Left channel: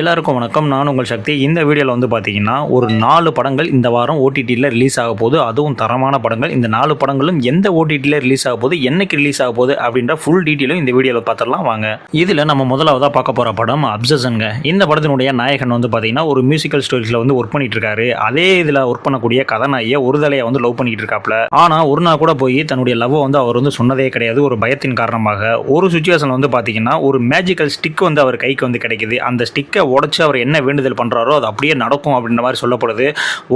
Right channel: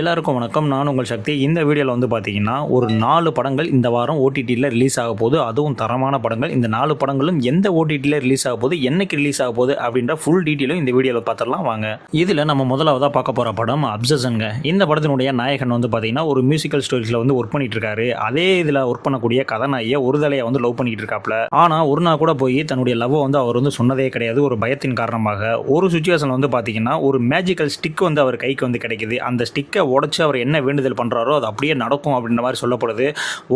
எல்லாருக்கும் வணக்கம். நான் உங்கள் சக்தி. இந்த வீடியோவில் வந்து பார்த்தீங்கன்னா ஒரு 4 படங்கள் இந்த வாரம் ஓடிடியில் ரிலீஸ் ஆக போகுது. அதுவும் தரமான படங்கள். இந்த 4 படங்களும் எந்த ஓடிடியில் ரிலீஸ் ஆக போகுது, என்னைக்கு ரிலீஸ் ஆக போகுது அப்படின்ற ஃபுல் டீட்டெயிலும் இந்த வீடியோவில் பார்த்துடலாம் வாங்க. இதில் நம்ம முதலாவதாக பார்க்க போகிற படம் அப்சஷன்ங்க. இந்த படத்தினுடைய நாயகன் வந்து பார்த்தீங்கன்னா ஒரு மியூசிக்கல் ஸ்டோரிஸில் வந்து ஒர்க் பண்ணிட்டு இருக்காரு. அதே இதில் ஒர்க் பண்ணக்கூடிய கதாநாயகியை ஒரு தலையை வந்து லவ் பண்ணிட்டு இருக்காப்ல. ஆனால் ஒரு நாள் கூட போய் தன்னுடைய லவ் வந்து அவர் வந்து சொன்னதே கிடையாது. ஒரு பயத்தின் காரணமாக ஒரு சுச்சுவேஷன் வந்து பார்த்தீங்கன்னா ஒரு மேஜிக்கல் ஸ்டிக் வந்து அவர் கைக்கு வந்து கிடைக்குது. அந்த ஸ்டிக்கை உடச்சி அவர் என்ன வேண்டுதல் பண்ணுறாரோ அது அப்படியே நடக்கும் அப்படின்ற மாதிரி சொல்லப்படுது.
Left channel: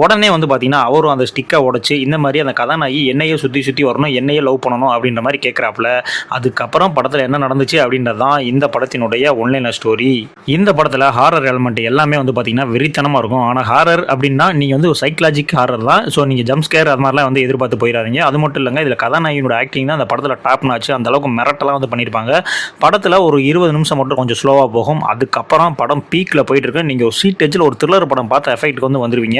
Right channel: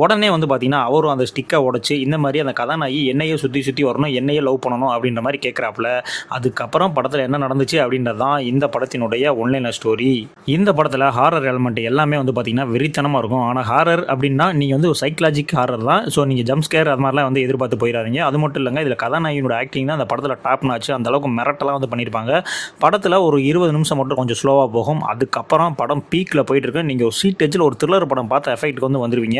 உடனே வந்து பார்த்தீங்கன்னா அவரும் அந்த ஸ்டிக்கை உடச்சி இந்த மாதிரி அந்த கதாநாயகி என்னையே சுற்றி சுற்றி வரணும், என்னையே லவ் பண்ணணும் அப்படின்ற மாதிரி கேட்குறாப்புல. அதுக்கப்புறம் படத்தில் என்ன நடந்துச்சு அப்படின்றது தான் இந்த படத்தினுடைய ஒன்லைன் ஸ்டோரி. இந்த படத்தில் ஹாரர் எலிமெண்ட் எல்லாமே வந்து பார்த்தீங்கன்னா வெறித்தனமாக இருக்கும். ஆனால் ஹாரர் அப்படின்னா நீங்கள் வந்து ஒரு சைக்கலாஜிக் ஹாரர் தான். ஸோ நீங்கள் ஜம்ப் ஸ்கேர் அது மாதிரிலாம் வந்து எதிர்பார்த்து போயிடாதீங்க. அது மட்டும் இல்லைங்க, இதில் கதாநாயகியோட ஆக்டிங் தான் அந்த படத்தில் டாப் நாச்சு. அந்த அளவுக்கு மிரட்டெல்லாம் வந்து பண்ணியிருப்பாங்க. படத்தில் ஒரு 20 நிமிஷம் மட்டும் கொஞ்சம் ஸ்லோவாக போகும். அதுக்கப்புறம் படம் பீக்கில் போயிட்டு இருக்கு. நீங்கள் ஒரு சீட் எஜ்ஜில் ஒரு த்ரில்லர் படம் பார்த்த எஃபெக்ட்டுக்கு வந்து வந்துருவீங்க.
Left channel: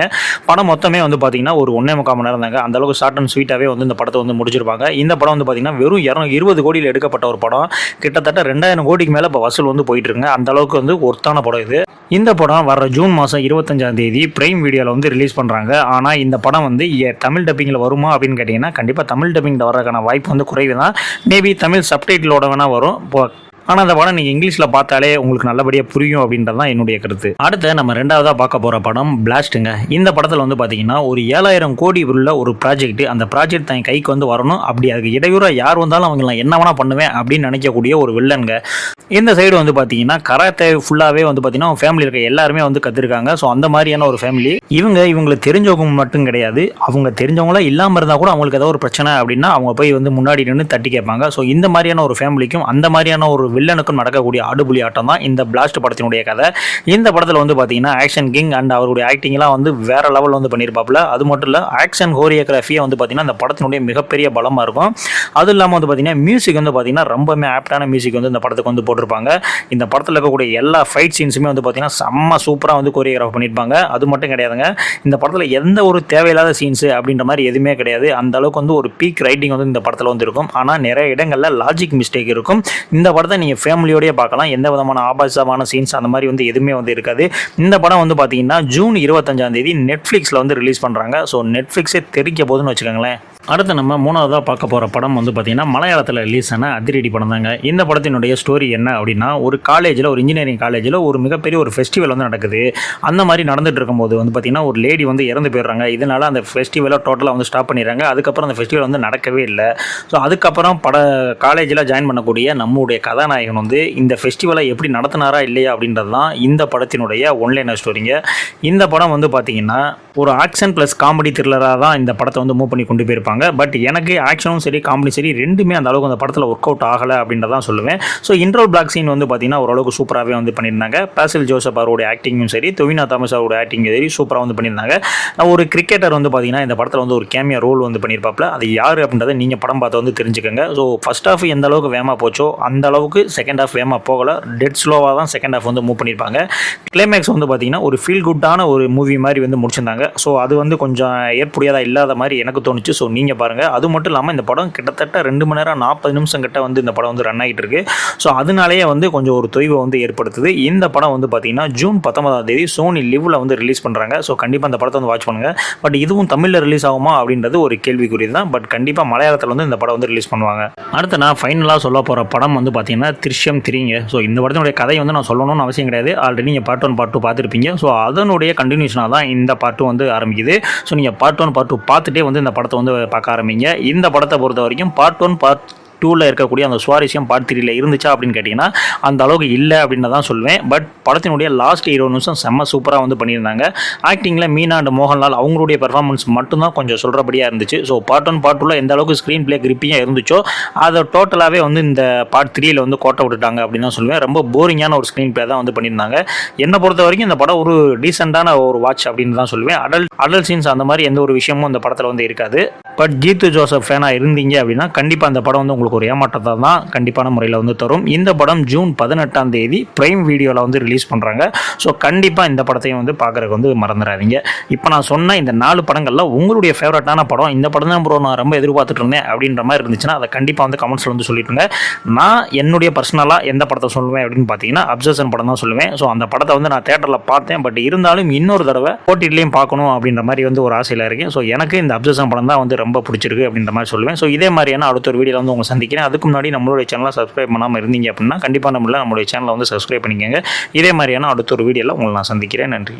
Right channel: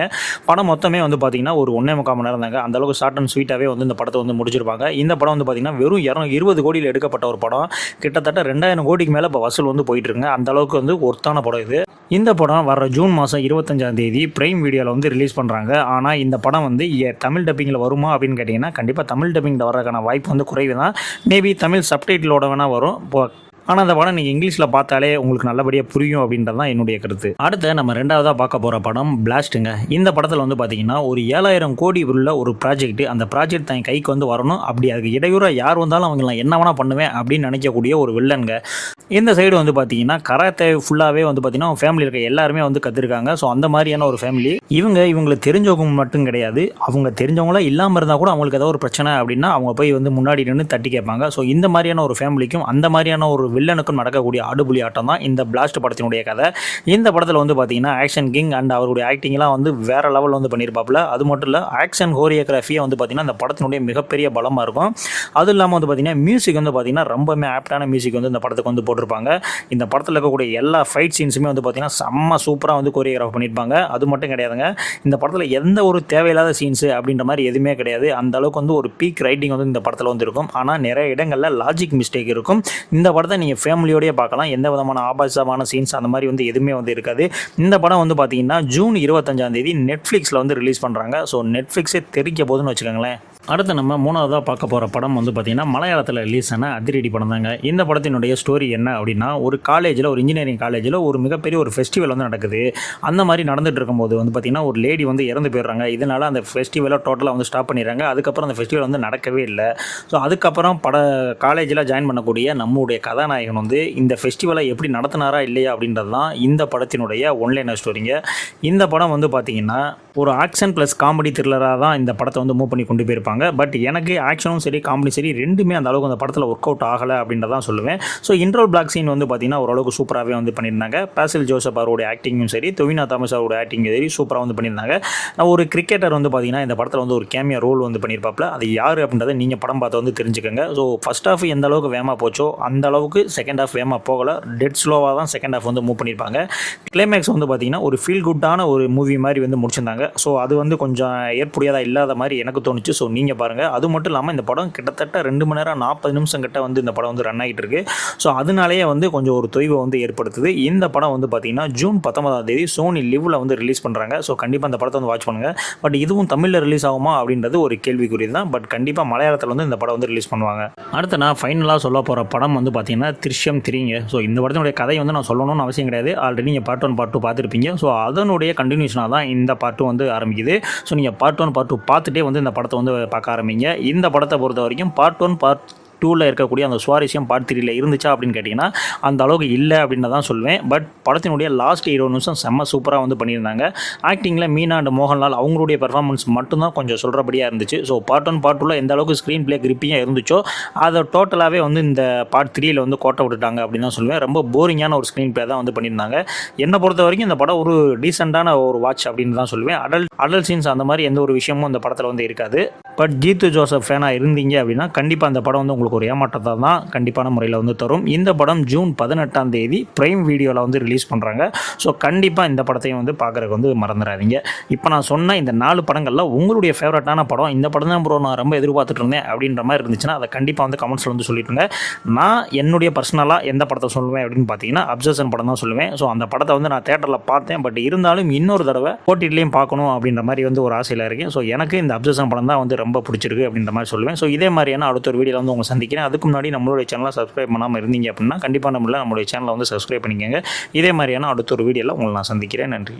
படம் மொத்தமே வந்து பார்த்தீங்கன்னா ஒரு 1.25 மணி நேரம் தாங்க. அந்த அளவுக்கு ஷார்ட் அண்ட் ஸ்வீட்டாகவே வந்து இந்த படத்தை வந்து முடிச்சிருப்பாங்க. இந்த படம் வந்து பார்த்தீங்கன்னா வெறும் 220 கோடியில் எடுக்கப்பட்ட ஒரு படம். கிட்டத்தட்ட 2000 கோடிக்கு மேலே இப்போ வசூல் வந்து போயிட்டு இருக்குங்க. அந்த அளவுக்கு வந்து ஒர்த்தான படம் இது. இந்த படம் வர ஜூன் மாதம் 25ஆம் தேதி பிரைம் வீடியோவில் வந்து ரிலீஸ் பண்ணுறாங்க. ஆனால் இந்த படம் வந்து தமிழ் டப்பிங்கில் வருமா அப்படின்னு கேட்டிங்கன்னா கண்டிப்பாக தமிழ் டப்பிங்கில் வரதுக்கான வாய்ப்பு வந்து குறைவு தான். மேபி தமிழ் சப்டைட்டிலோட வேணால் வரும். ஆனால் அந்த படம் நீங்கள் இங்கிலீஷில் பார்த்தாலே உங்களுக்கு நல்லபடியாக புரியும் அப்படின்றது தான் என்னுடைய கருத்து. அடுத்து நம்ம ரெண்டாவதாக பார்க்க போகிற படம் பிளாஸ்ட்டுங்க. இந்த படத்தில் வந்து பார்த்தீங்கன்னா ஒரு 7000 கோடி உள்ள ஒரு ப்ராஜெக்ட். அந்த ப்ராஜெக்ட் தன் கைக்கு வந்து வரணும். அப்படி அதுக்கு இடையூறாக யார் வந்தாலும் அவங்க நான் என்ன வேணால் பண்ணுவேன் அப்படின்னு நினைக்கக்கூடிய ஒரு வில்லனுங்க. இந்த சைடு வந்து பார்த்தீங்கன்னா கராத்தே ஃபுல்லாகவே வந்து பார்த்தீங்கன்னா அவங்க ஃபேமிலி இருக்க எல்லாருமே வந்து கற்றுருக்காங்க. ஸோ அந்த மாதிரியான ஒரு ஃபேமிலி. இவங்களுக்கு தெரிஞ்சவங்க மட்டும் கிடையாது, அவங்க தெரிஞ்சவங்களாம் இல்லாமல் இருந்தால் கூட அவங்களுக்கு ஏதோ ஒரு பிரச்சனை அப்படின்னா அவங்க போய் வந்து முன்னாடி நின்று தட்டி கேட்பாங்க. ஸோ இந்த மாதிரியான ஒரு ஃபேமிலிக்கும் அந்த மாதிரியான ஒரு வில்லனுக்கும் நடக்கக்கூடிய ஆடுபுலி ஆட்டம் தான் இந்த பிளாஸ்ட் படத்தினுடைய கதை. இந்த படத்தில் வந்து பார்த்தீங்கன்னா ஆக்ஷன் கிங் அண்ட் அவருடைய ஆக்டிங்லாம் வந்து வேற லெவலில் வந்து பண்ணியிருப்பாப்புல. அது மட்டும் இல்லை, ஆக்ஷன் கோரியோகிராஃபியை வந்து பார்த்தீங்கன்னா இந்த படத்தினுடைய மிகப்பெரிய பலமாக இருக்கும். அது இல்லாமல் வந்து பார்த்தீங்கன்னா மியூசிக் வந்து பார்த்தீங்கன்னா ரொம்பவே ஆப்டான மியூசிக் வந்து இந்த படத்துக்கு வந்து போட்டிருப்பாங்க. இந்த படத்தில் இருக்கக்கூடிய எல்லா ஃபைட் சீன்ஸுமே வந்து பார்த்தீங்கன்னா செம்ம சூப்பராக வந்து கோரியோகிராஃப் பண்ணியிருப்பாங்க. அது மட்டும் கிடையாதுங்க, இந்த படத்தில் எந்த ஒரு தேவையில்லாத சீன்ஸு அப்படின்ற மாதிரி எதுவுமே கிடையாது. அந்த அளவுக்கு வந்து ஒரு பீக் ரைட்டிங் வந்து இந்த படத்தில் வந்து இருக்கும். ஆனால் நிறைய இடங்களில் லாஜிக் மிஸ்டேக் இருக்கும். இந்த படத்தை நீங்கள் ஃபேமிலியோடய பார்க்கலாம். எந்த விதமான ஆபாசமான சீன்ஸ் அந்த மாதிரி வந்து எதுவுமே வந்து இருக்காது. இந்த படம் வந்து பார்த்தீங்கன்னா ஜூன் 25ஆம் தேதி நெட்ஃப்ளிக்ஸில் வந்து ரிலீஸ் பண்ணுறாங்க. ஸோ நெட்ஃப்ளிக்ஸே தெரிக்க போதுன்னு வச்சுக்கோங்களேன். அடுத்து நம்ம மூணாவதாக பார்க்க போகிற படம் வந்து பார்த்திங்கன்னா மலையாளத்தில் ரிலீஸ் ஆன அதிரடி படம் தாங்க. இந்த படத்தினுடைய ஸ்டோரி என்ன அப்படின்னா ஒரு காலேஜில், ஒரு இன்ஜினியரிங் காலேஜில் ஒரு மிகப்பெரிய ஒரு ஃபெஸ்டிவல் வந்து நடக்குது. அந்த மாதிரி நடந்துட்டு இருக்கும்போது வந்து பார்த்திங்கன்னா ஒரு லேடி வந்து இறந்து போயிடுறாங்க. இதனால் அந்த ஃபெஸ்டிவலை டோட்டலாக வந்து ஸ்டாப் பண்ணிடுறாங்க. அதுக்கப்புறம் அந்த ஃபெஸ்டிவல் வந்து நடக்கவே இல்லை. ஸோ அதுக்கப்புறம் காலேஜில் ஜாயின் பண்ணக்கூடிய நம்முடைய கதாநாயகன் வந்து இந்த ஃபெஸ்டிவலை எப்படி நடத்தினாரா இல்லையா அப்படின்றது தான் இந்த படத்தினுடைய ஒன்லைன் ஸ்டோரிங்க. இந்த படம் வந்து பார்த்திங்கன்னா ஒரு ஆக்ஷன் ப்ளஸ் காமெடி த்ரில்லராக தான் இந்த படத்தை வந்து மூவ் பண்ணி கொண்டு போயிருப்பாங்க. பட் எனக்கு ஆக்ஷனும் சரி காமெடி சரி ரெண்டுமே அந்த அளவுக்கு அந்த படத்தில் ஒர்க் அவுட் ஆகலை அப்படின்றதான் சொல்லுவேன். ஸோ இன்ட்ரோல் பிளாக் சீன் வந்து பார்த்தீங்கன்னா ஓரளவுக்கு சூப்பராகவே வந்து பண்ணியிருந்தாங்க. பாசில் ஜோசப் அவருடைய ஆக்டிங்கும் சரி, தொவினா தாமஸ் அவருடைய ஆக்டிங்கும் சரி சூப்பராக வந்து பண்ணியிருந்தாங்க. ஒரு கிரிக்கெட்டர் வந்து பார்த்தீங்கன்னா இந்த படத்தில் வந்து ஒரு கேமியா ரோல் வந்து பண்ணியிருப்பாப்ல. அது யார் அப்படின்றத நீங்கள் படம் பார்த்து வந்து தெரிஞ்சுக்கோங்க. ஸோ ஃபர்ஸ்ட் ஹாஃப் எந்த அளவுக்கு வேகமாக போச்சோ அந்த அளவுக்கு செகண்ட் ஹாஃப் வேகமாக போகலை. டெட் ஸ்லோவாக தான் செகண்ட் ஹாஃப் வந்து மூவ் பண்ணியிருப்பாங்க. கிளைமேக்ஸ் வந்து பார்த்தீங்கன்னா ஒரு ஃபீல் குட்டான ஒரு மூவி மாதிரி வந்து முடிச்சிருந்தாங்க. ஸோ அது வந்து கொஞ்சம் ஏற்புடையதாக இல்லாத மாதிரி எனக்கு தோணுச்சு. ஸோ நீங்கள் பாருங்கள். அது மட்டும் இல்லாமல் இந்த படம் கிட்டத்தட்ட 2 மணி நேரம் 40 நிமிஷம் கிட்ட வந்து இந்த படம் வந்து ரன் ஆகிட்டு இருக்கு. ஸோ அதனாலேயே வந்து கொஞ்சம் ஒரு தொய்வை வந்து ஏற்படுத்துது. இந்த படம் வந்து பார்த்தீங்கன்னா ஜூன் 19ஆம் தேதி சோனி லிவ்வில் வந்து ரிலீஸ் பண்ணுறாங்க. ஸோ கண்டிப்பாக அந்த படத்தை வந்து வாட்ச் பண்ணுங்கள். பட் இதுவும் தமிழில் ரிலீஸ் ஆகுமா அப்படின்றது ஒரு கேள்விக்குரிய தான். பட் கண்டிப்பாக மலையாளத்தில் வந்து இந்த படம் வந்து ரிலீஸ் பண்ணுவாங்க. அடுத்து நான் ஃபைனலாக சொல்ல போகிற படம் வந்து பார்த்தீங்கன்னா திருஷ்யம் 3ங்க. ஸோ இந்த படத்தினுடைய கதை வந்து நான் சொல்லணும்னு அவசியம் கிடையாது. ஆல்ரெடி நீங்கள் பார்ட் 1 பார்ட் 2 பார்த்துருப்பீங்க. ஸோ அதனுடைய கண்டினியூஷனாக தான் இந்த பார்ட் 2 வந்து ஆரம்பிக்குது. ஸோ நீங்கள் பார்ட் 1 பார்ட் 2 பார்த்துட்டே வந்து இந்த படத்தை வந்து பார்க்க ஆரம்பிங்க. இந்த படத்தை பொறுத்த வரைக்கும் பார்ட் 1 பார்ட் 2ல் இருக்கக்கூடிய அந்த சுவாரஸ்யம் பார்ட் 3ல் இருந்துச்சா அப்படின்னு கேட்டிங்கன்னா அந்த அளவுக்கு இல்லை அப்படின்னு தான் சொல்லுவேன். பட் படத்தினுடைய லாஸ்ட் 20 நிமிஷம் செம்ம சூப்பராக வந்து பண்ணியிருந்தாங்க. ஆக்டிங்கில் மீனா அண்ட் மோகன்லால் அவங்களுடைய பெர்ஃபார்மன்ஸ் மட்டும்தான் கொஞ்சம் சொல்கிறபடியாக இருந்துச்சு. ஸோ பார்ட் 1 பார்ட் 2ல் எந்த அளவுக்கு ஸ்க்ரீன் பிளே கிரிப்பியாக இருந்துச்சோ அதை டோட்டலாகவே வந்து இந்த பார்ட் 3ல் வந்து கோட்டை விட்டுட்டாங்க அப்படின்னு தான் சொல்லுவேன். ரொம்ப போரிங்கான ஒரு ஸ்க்ரீன் பிளே தான் வந்து பண்ணியிருந்தாங்க. என்னை பொறுத்த வரைக்கும் இந்த படம் ஒரு டீசெண்டான ஒரு வாட்ச் அப்படின்னு தான் சொல்லுவேன். அடல்ட் சீன்ஸ் அந்த மாதிரி எந்த ஒரு விஷயமும் இந்த படத்தில் வந்து இருக்காது. பட் ஜீத்து ஜோசப் ஃபேனாக இருந்தீங்க அப்படின்னா கண்டிப்பாக அந்த படம் வந்து உங்களுக்கு ஒரு ஏமாற்றத்தை தான் கண்டிப்பான முறையில் வந்து தரும். இந்த படம் ஜூன் 18ஆம் தேதி பிரைம் வீடியோவில் வந்து ரிலீஸ் பண்ணுறாங்க. ஸோ கண்டிப்பாக இந்த படத்தையும் வந்து பார்க்குறதுக்கு வந்து மறந்துடாதீங்க. இப்போ நான் சொன்ன இந்த 4 படங்களில் உங்களுடைய ஃபேவரட்டான படம் இந்த படம் தான் ப்ரோ நான் ரொம்ப எதிர்பார்த்துட்டு இருந்தேன் அப்படின்ற மாதிரி இருந்துச்சுன்னா அதை கண்டிப்பாக வந்து கமெண்ட்ஸில் வந்து சொல்லிட்டுருங்க. நான் என்னுடைய பர்சனலாக எந்த படத்தை சொல்லுவேன் அப்படின்னு பார்த்தீங்கன்னா அப்சர்ஷன் படம் தான் சொல்லுவேன். ஸோ அந்த படத்தை வந்து நான் தேட்டரில் பார்த்தேன். பட் இருந்தாலும் இன்னொரு தடவை ஓடிடிலையும் பார்க்கணும் அப்படின்ற மாதிரி வந்து ஒரு ஆசையில் இருக்கேன். ஸோ எனக்கு இந்த அப்சர்ஷன் படம் தான் வந்து ரொம்ப பிடிச்சிருக்கு அப்படின்ற மாதிரி சொல்லுவேன். ஸோ இதே மாதிரியான அடுத்த ஒரு வீடியோவில் வந்து உங்களை சந்திக்கிறேன். அதுக்கு முன்னாடி நம்மளுடைய சேனலை சப்ஸ்கிரைப் பண்ணாமல் இருந்தீங்க அப்படின்னா கண்டிப்பாக நம்மளுடைய சேனலை வந்து சப்ஸ்கிரைப் பண்ணிக்கோங்க. இதே மாதிரியான அடுத்த ஒரு வீடியோவில் உங்களை நான் சந்திக்கிறேன். நன்றி.